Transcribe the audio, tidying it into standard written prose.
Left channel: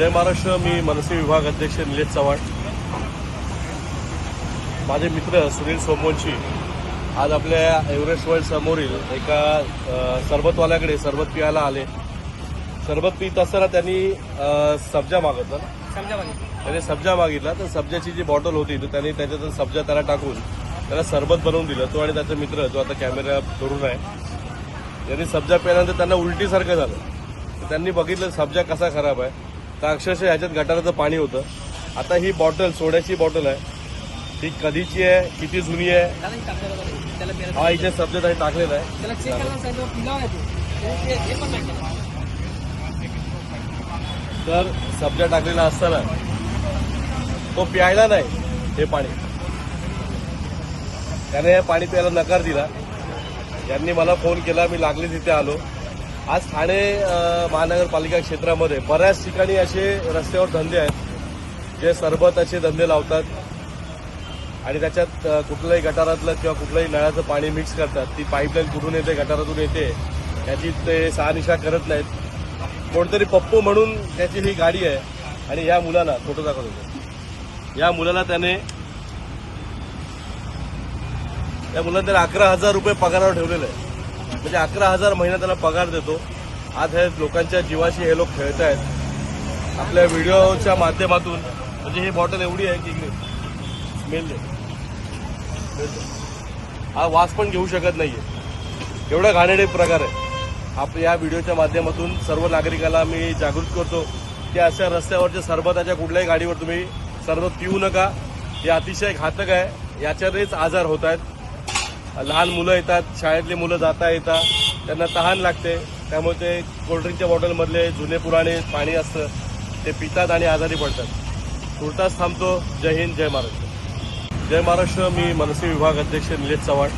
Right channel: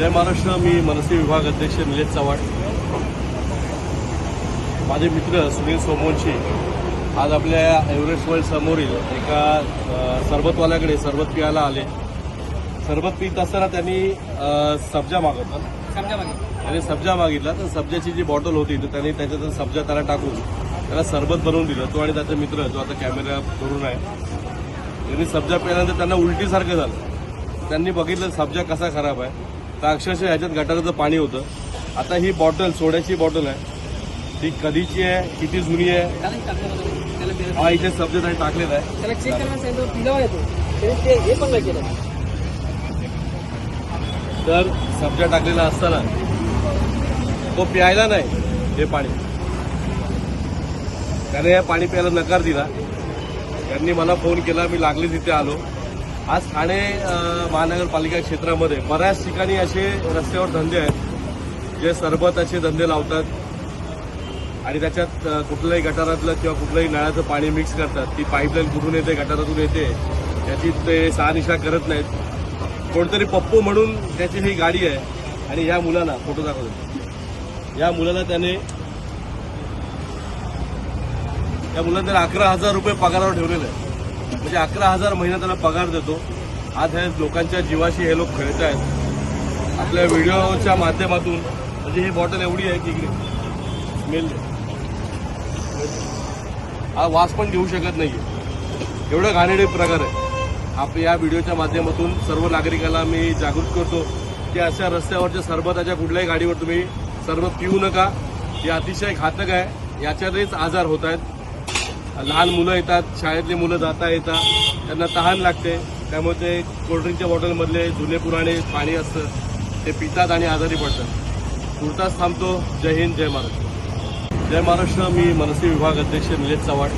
जय महाराष्ट्र. मी मनसे विभाग अध्यक्ष निलेश चव्हाण. माझे मित्र सुनील सोमवंशी आज आपल्या एव्हरेस्ट वर्ल्ड समोरील एका सरबतवाल्याकडे सरबत पियाला आले. सरबत पीत असताना त्यांनी सब्जा सब्जा मागितला. तर सब्जाची जी बॉटल होती तर त्यांनी त्याच्यात सब्जा त्याला टाकून त्याला सरबत बनवून दिलं. तो आणि त्याचा मित्र जो आता कॅमेरा करून आहे त्यांनी सब्जा प्यायल्यानंतर त्यांना उलटीसारखं झालं. त्यांनी बघितलं सब्जा कसा खराब आहे. तर अक्षरशः ह्याच्यात गटाराचं पाणी होतं. आता ही बॉटल सोड्याची बॉटल आहे. ती कधीची आहे, किती जुनी आहे, हा इथे सब्जा त्यांनी टाकलेला आहे. तर सब्जा टाकलेला असताना तो प्यायला नाही हे पाणी. त्याने हे पाणी प्यायला नकार दिला. त्यांनी मला फोन केला. मी लागले तिथे आलो. आज ठाणे महानगरपालिका क्षेत्रामध्ये बऱ्याच ठिकाणी असे रस्त्यावर धंदे आहेत जे सरबताचे धंदे लावतात आणि त्याच्यात कुठल्याही गटारातलं किंवा कुठल्याही नळाचं पाणी मिक्स करतात. ती पाईपलाईन कुठून येते, गटारातून येते, त्याची ते शहानिशा करत नाहीत. कोणतरी पप्पू म्हणून त्याची ही गाडी आहे आणि ह्या मुलाला फोटो दाखवतो. या मुलाला त्याने 11,000 रुपये पगारावर ठेवलेलं आहे. म्हणजे 11,000 महिना त्याला पगार देतो. आज हे लोकांच्या जीवाशी हे लोक खेळत आहेत आपल्या व्हिडिओच्या माध्यमातून. म्हणजे ही बॉटल एवढी आहे की इकडे स्मेल, हा वास पण घेऊ शकत नाहीये. एवढा घाणेरडे प्रकार आहे. आपल्या या व्हिडिओच्या माध्यमातून सर्व नागरिकांना मी जागृत करतो की अशा रस्त्यावरच्या सरबताच्या कुठल्याही गाडीवर तुम्ही सरबत पिऊ नका. हे अतिशय घातक आहे. याच्यानेच आजार होत आहेत. लहान मुलं येतात, शाळेतली मुलं जाता येतात, त्यांना तहान लागते. त्यामुळे ते कोल्ड्रिंकच्या बॉटलमधले जुने पुराणे पाणी असतं ते पितात आणि आजारी पडतात. तुर्तास थांबतो. जय हिंद, जय महाराष्ट्र. जय महाराष्ट्र. मी मनसे विभाग अध्यक्ष निलेश चव्हाण.